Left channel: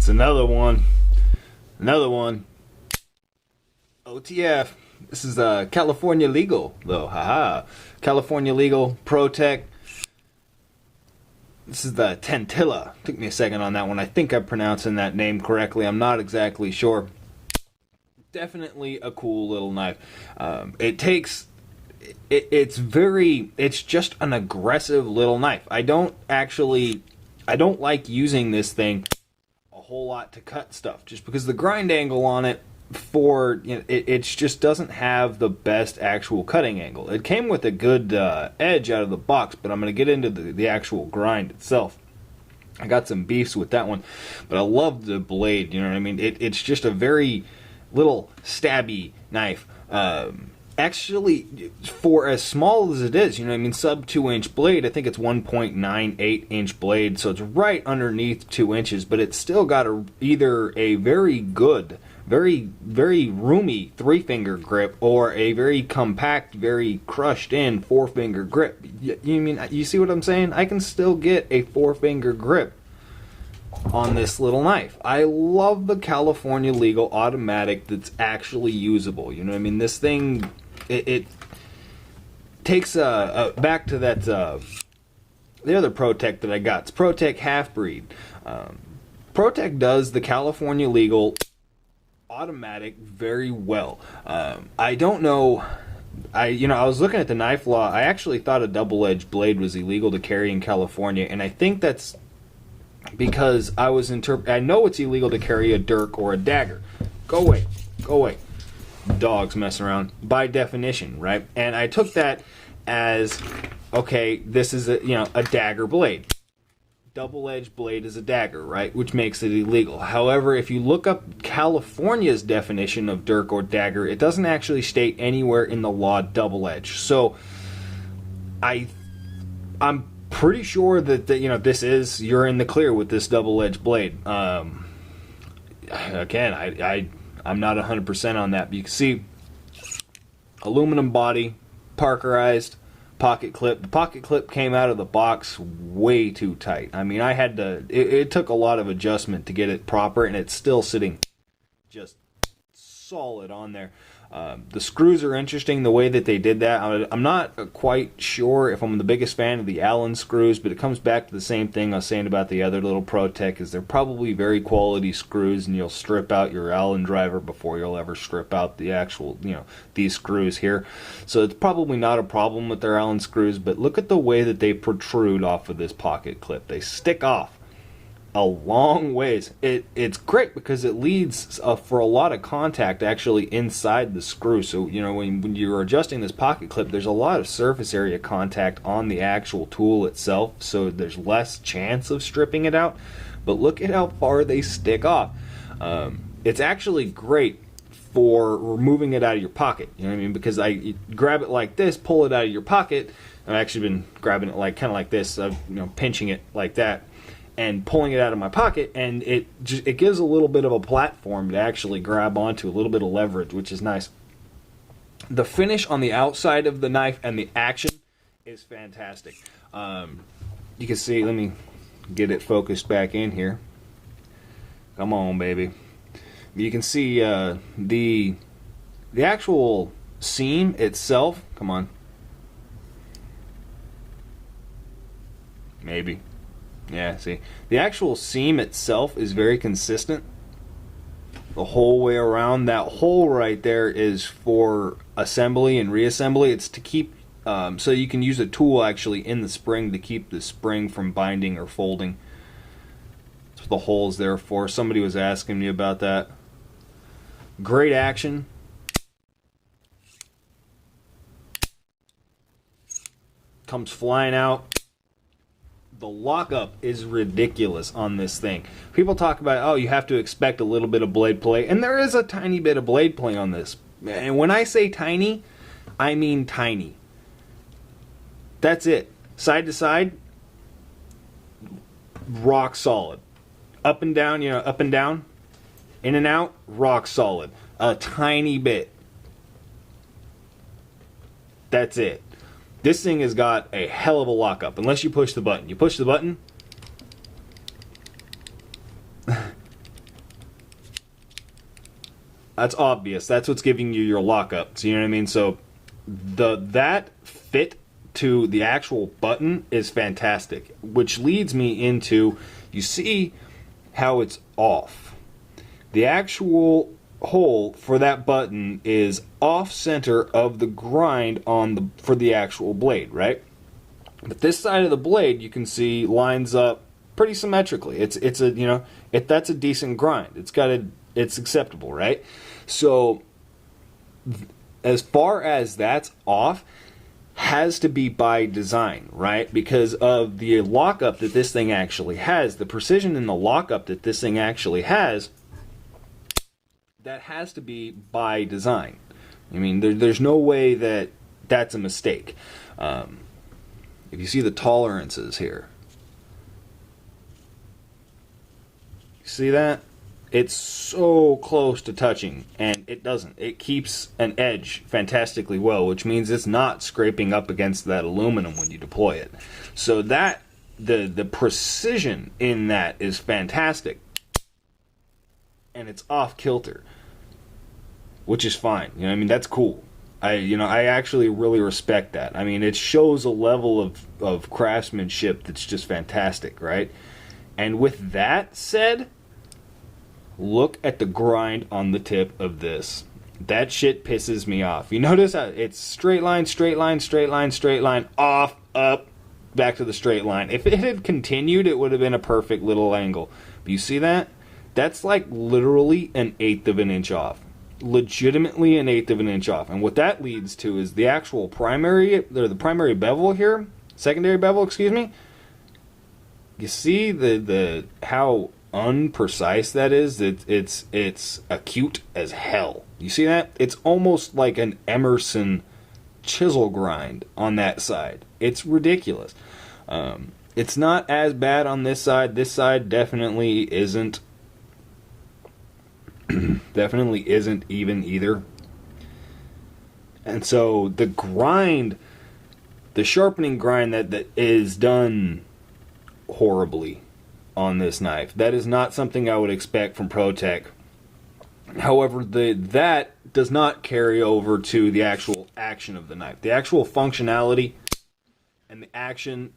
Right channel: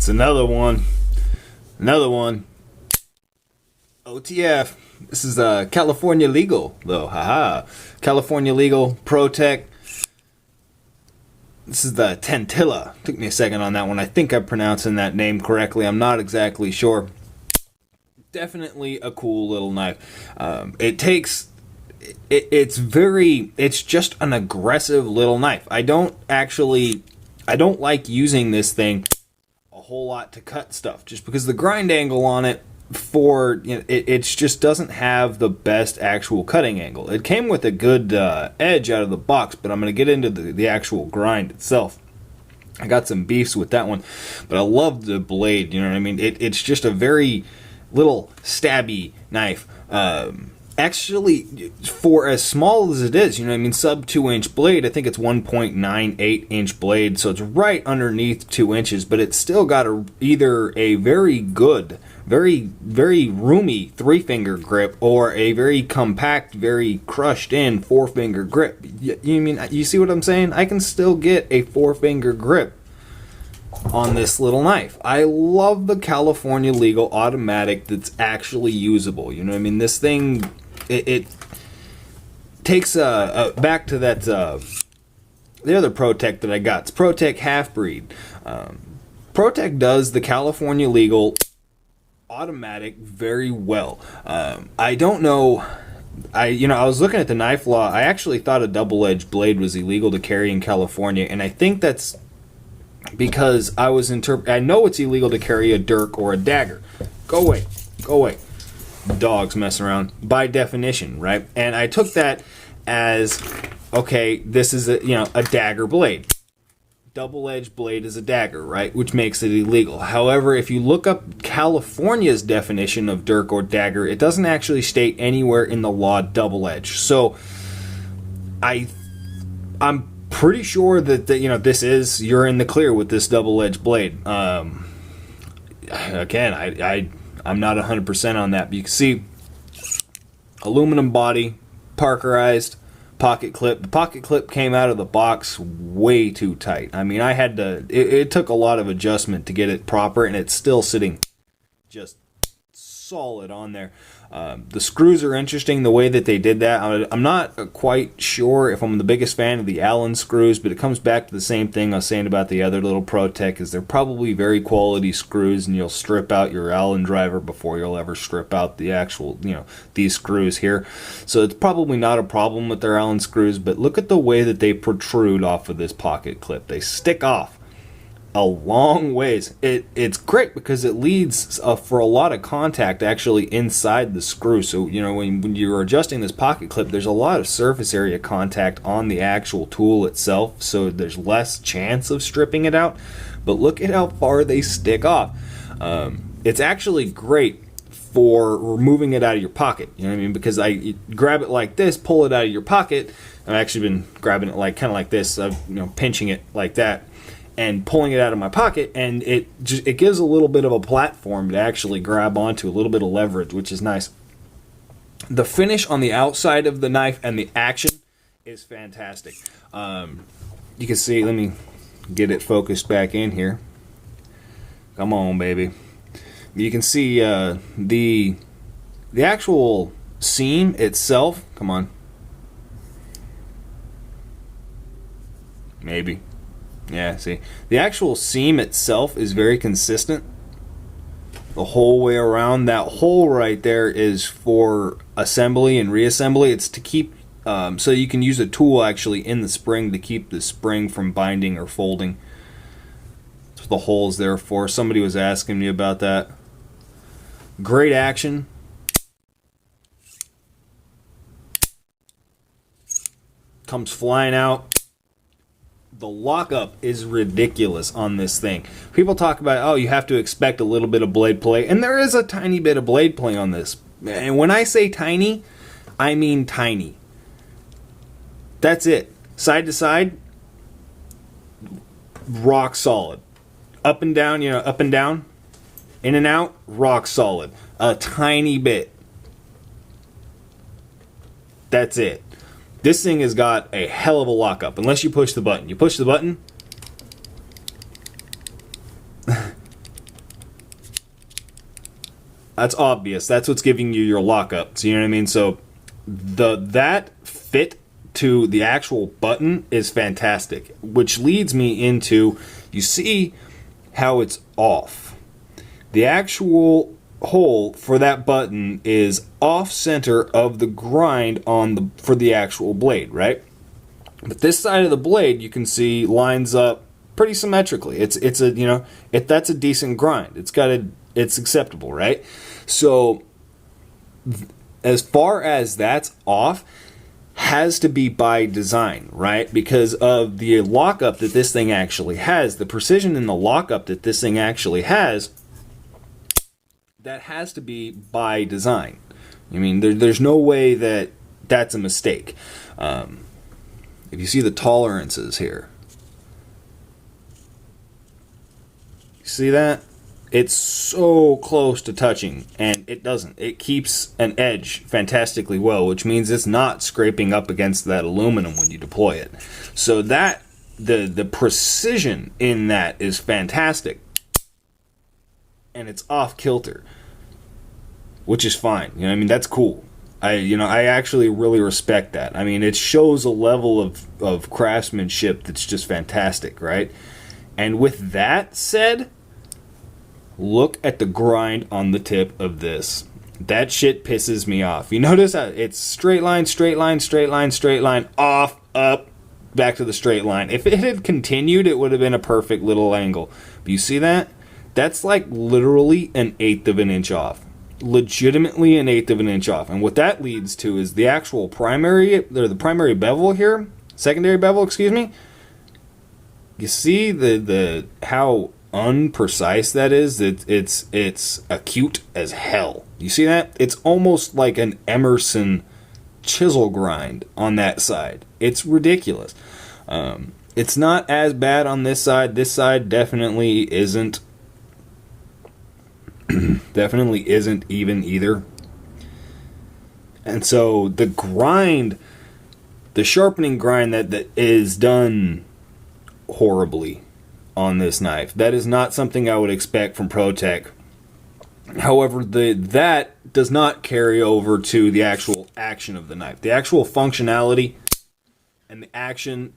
It's another one. Another one. OTF. This is California legal, though. Haha. California legal. Protech. This is the tantilla. Took me a second on that one. I think I'm pronouncing that name correctly. I'm not exactly sure. Definitely a cool little knife. It's just an aggressive little knife. I don't like using this thing a whole lot to cut stuff, just because the grind angle on it it just doesn't have the best actual cutting angle. It came with a good edge out of the box, but I'm going to get into the actual grind itself. I got some beefs with that one, but I love the blade, you know what I mean? It's just a very little stabby knife. Actually, for as small as it is, you know what I mean, sub 2-inch blade, I think it's 1.98 inch blade, so it's right underneath 2 inches, but it's still got either a very good, very roomy 3-finger grip, or a very compact, very crushed in 4-finger grip. You see what I'm saying? I can still get a 4-finger grip on this little knife. I love the California legal automatic that's actually usable. You know what I mean? This thing, it takes back to that the other Protech that I got. It's Protech Half-Breed. Protech does the California legal automatic very well. I don't know. I was looking at the knife law. I actually thought a double-edged blade was illegal to carry in California, and I think that's because I know it's illegal to carry a dirk or a dagger. Go away. Go away. Dogs mess around. By definition, right? And I took that as, okay, this is a dagger blade. Double-edged blade is a dagger, right? Which makes it illegal. However, if you look up California's definition of dirk or dagger, it doesn't actually state anywhere in the law double-edged. So I'm pretty sure that you're in the clear with this double-edged blade. Again, I'm not 100% on that, but you can see aluminum body, Parkerized, pocket clip. The pocket clip came out of the box way too tight. I mean, it took a lot of adjustment to get it proper, and it's still sitting just solid on there. The screws are interesting, the way that they did that. I'm not quite sure if I'm the biggest fan of the Allen screws, but it comes back to the same thing I was saying about the other little Protech, is they're probably very quality screws, and you'll strip out your Allen driver before you'll ever strip out the actual, these screws here. So it's probably not a problem with their Allen screws, but look at the way that they protrude off of this pocket clip. They stick off a long ways. It's great because it leads for a lot of contact actually inside the screw. So when you're adjusting this pocket clip, there's a lot of surface area contact on the actual tool itself, so there's less chance of stripping it out. But look at how far they stick off. It's actually great for removing it out of your pocket. You know what I mean? Because you grab it like this, pull it out of your pocket. I've actually been grabbing it kind of like this, pinching it like that, and pulling it out of my pocket, and it gives a little bit of a platform to actually grab onto, a little bit of leverage, which is nice. The finish on the outside of the knife and the action is fantastic. You can see, let me get it focused back in here. Come on, baby. You can see the actual seam itself. Come on. Maybe. Yeah, see, the actual seam itself is very consistent the whole way around. That hole right there is for assembly and reassembly. It's to keep, so you can use a tool actually in the spring to keep the spring from binding or folding. That's what the hole is there for. Somebody was asking me about that. Great action. Comes flying out. The lockup is ridiculous on this thing. People talk about, oh, you have to expect a little bit of blade play, and there is a tiny bit of blade play on this. And when I say tiny, I mean tiny. That's it. Side to side, rock solid. Up and down, up and down, in and out, rock solid. A tiny bit. That's it. This thing has got a hell of a lockup, unless you push the button. You push the button, That's obvious. That's what's giving you your lockup. So you know what I mean? So that fit to the actual button is fantastic, which leads me into, you see how it's off. The actual hole for that button is off center of the grind for the actual blade, right? But this side of the blade, you can see, lines up pretty symmetrically. It's a that's a decent grind. It's acceptable, right? So as far as that's off, has to be by design, right? Because of the lockup that this thing actually has, the precision in the lockup that this thing actually has, that has to be by design. I mean, there's no way that that's a mistake. If you see the tolerances here, you see that? It's so close to touching, and it doesn't. It keeps an edge fantastically well, which means it's not scraping up against that aluminum when you deploy it. So that the precision in that is fantastic, and it's off kilter, which is fine. You know what I mean? That's cool. I actually really respect that. I mean, it shows a level of craftsmanship that's just fantastic, right? And with that said, look at the grind on the tip of this. That shit pisses me off. You notice how it's straight line, straight line, straight line, straight line, off, up, back to the straight line. If it had continued, it would have been a perfect little angle. But you see that? That's like literally an eighth of an inch off. Legitimately an eighth of an inch off. And what that leads to is the actual the primary bevel here, secondary bevel, excuse me. You see the how unprecise that is? It's acute as hell. You see that? It's almost like an Emerson chisel grind on that side. It's ridiculous. It's not as bad on this side. This side definitely isn't. Definitely isn't even either. And so the grind, the sharpening grind that is done horribly on this knife. That is not something I would expect from protech. However, that does not carry over to the actual action of the knife. The actual functionality and the action,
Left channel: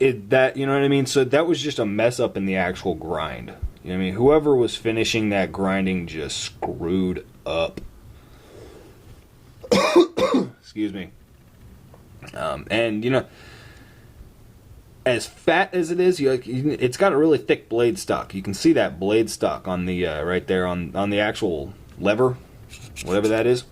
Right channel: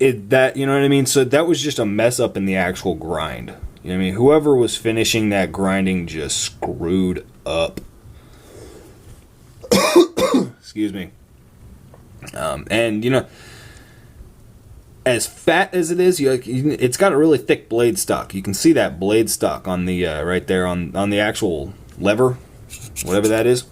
you know what I mean? So that was just a mess up in the actual grind. You know what I mean? Whoever was finishing that grinding just screwed up. Excuse me. And, you know, as fat as it is, it's got a really thick blade stock. You can see that blade stock on the right there on the actual lever, whatever that is.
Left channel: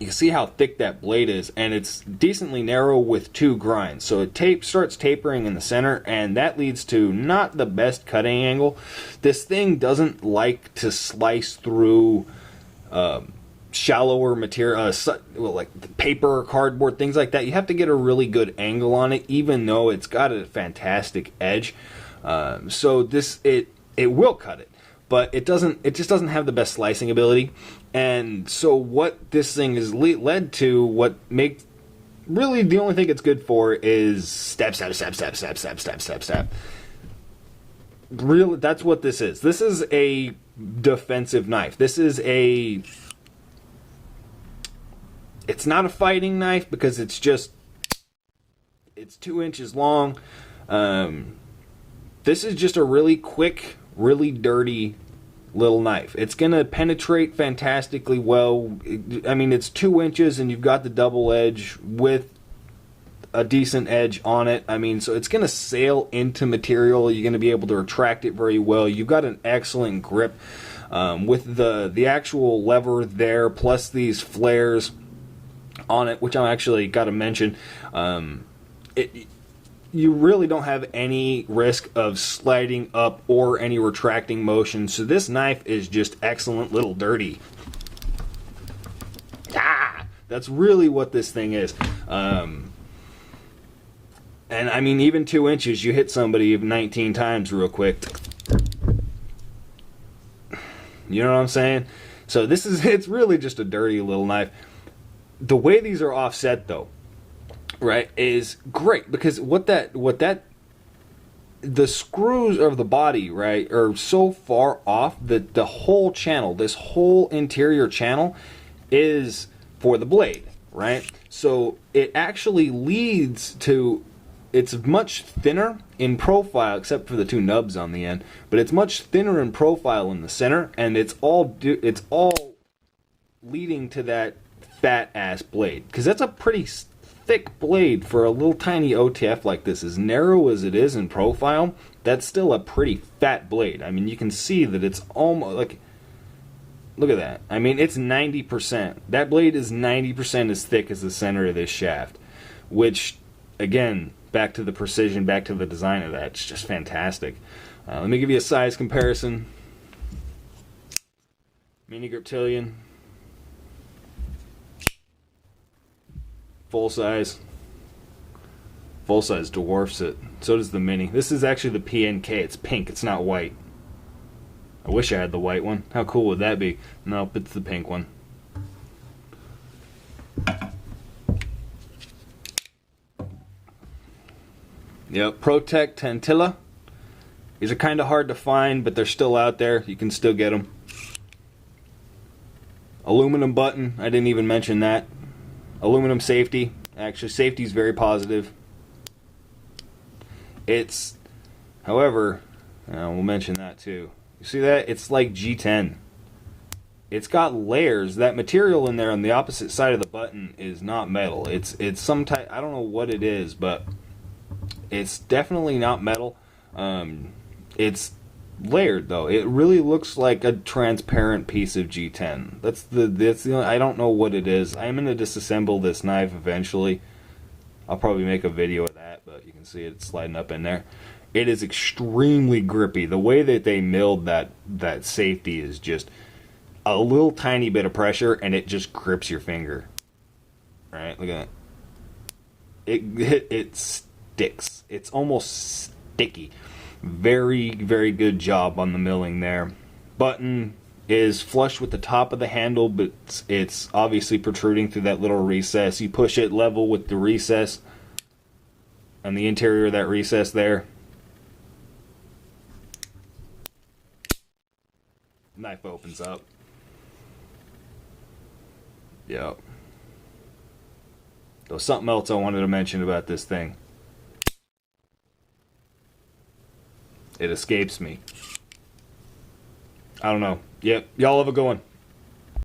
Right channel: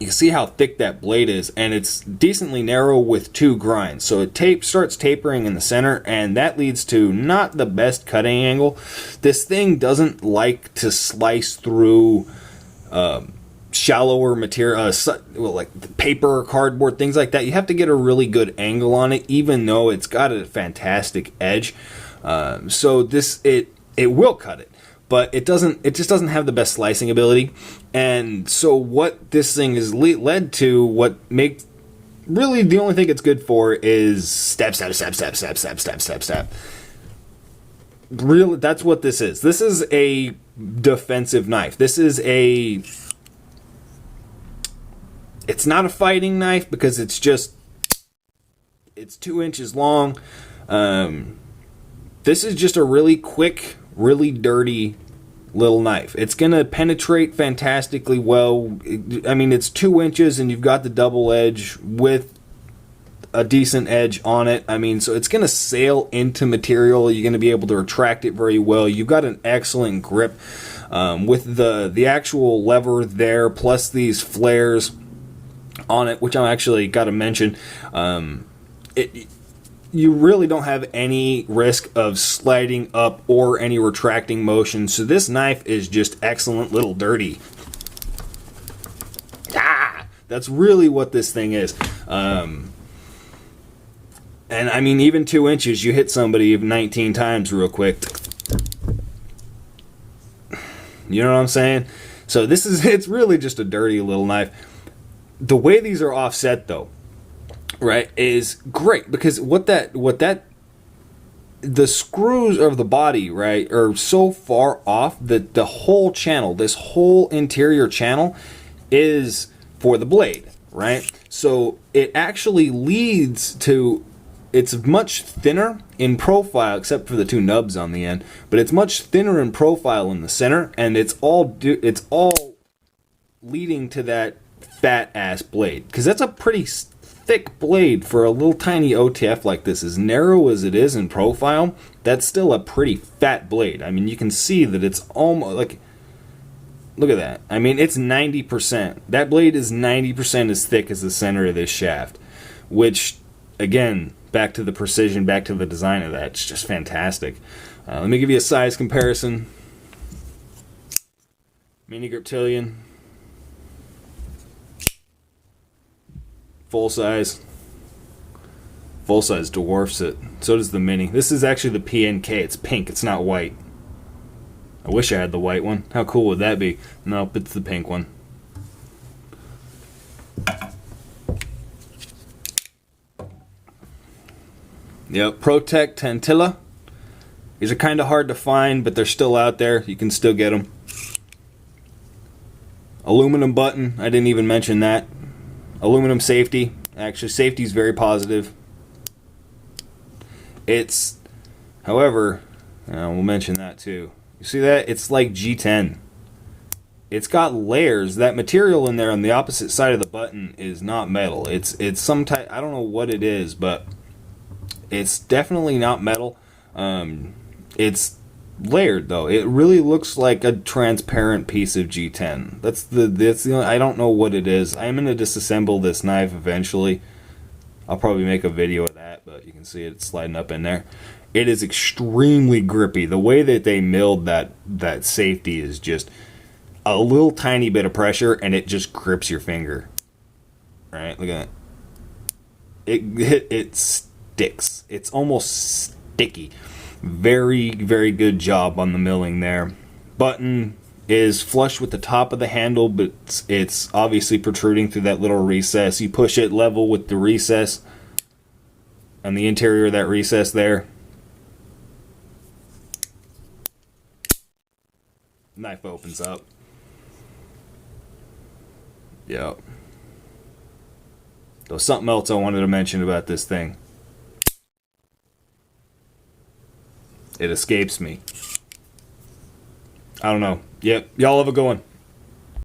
You can see how thick that blade is, and it's decently narrow with two grinds. So it starts tapering in the center, and that leads to not the best cutting angle. This thing doesn't like to slice through shallower material, like paper or cardboard, things like that. You have to get a really good angle on it, even though it's got a fantastic edge. So it will cut it, but it just doesn't have the best slicing ability. And so what this thing has led to, what makes really the only thing it's good for is stab, stab, stab, stab, stab, stab, stab, stab, stab. Really, that's what this is. This is a defensive knife. It's not a fighting knife because it's 2 inches long. This is just a really quick, really dirty little knife. It's going to penetrate fantastically well. I mean, it's 2 inches and you've got the double edge with a decent edge on it. I mean, so it's going to sail into material. You're going to be able to retract it very well. You've got an excellent grip with the actual lever there, plus these flares on it, which I actually got to mention. You really don't have any risk of sliding up or any retracting motion. So this knife is just excellent little dirty. That's really what this thing is. And I mean, even 2 inches, you hit somebody 19 times real quick. You know what I'm saying? So it's really just a dirty little knife. The way these are offset, though, right, is great, because what that the screws of the body, right, are so far off that the whole channel, this whole interior channel, is for the blade, right? So it actually leads to, it's much thinner in profile, except for the two nubs on the end, but it's much thinner in profile in the center, and it's all leading to that fat ass blade, because that's a pretty thick blade for a little tiny OTF like this. As narrow as it is in profile, that's still a pretty fat blade. I mean, you can see that it's almost like, look at that. I mean, it's 90%. That blade is 90% as thick as the center of this shaft, which, again, back to the precision, back to the design of that, it's just fantastic. Let me give you a size comparison. Mini Griptillion, full size dwarfs it. So does the mini. This is actually the PNK. It's pink. It's not white. I wish I had the white one. How cool would that be? Nope, it's the pink one. Yep, Protech Tantilla. These are kind of hard to find, but they're still out there. You can still get them. Aluminum button. I didn't even mention that. Aluminum safety. Actually, safety is very positive. It's, however, we'll mention that too. You see that? It's like G10. It's got layers. That material in there on the opposite side of the button is not metal. It's some type, I don't know what it is, but it's definitely not metal. It's layered though. It really looks like a transparent piece of G10. That's the only, I don't know what it is. I'm gonna disassemble this knife eventually. I'll probably make a video of that, but you can see it's sliding up in there. It is extremely grippy. The way that they milled that safety is just a little tiny bit of pressure and it just grips your finger. Right? Look at that. It sticks. It's almost sticky. Very, very good job on the milling there. Button is flush with the top of the handle, but it's obviously protruding through that little recess. You push it level with the recess on the interior of that recess there. Knife opens up. Yep. There's something else I wanted to mention about this thing. It escapes me. I don't know. Yep. Y'all have a good one.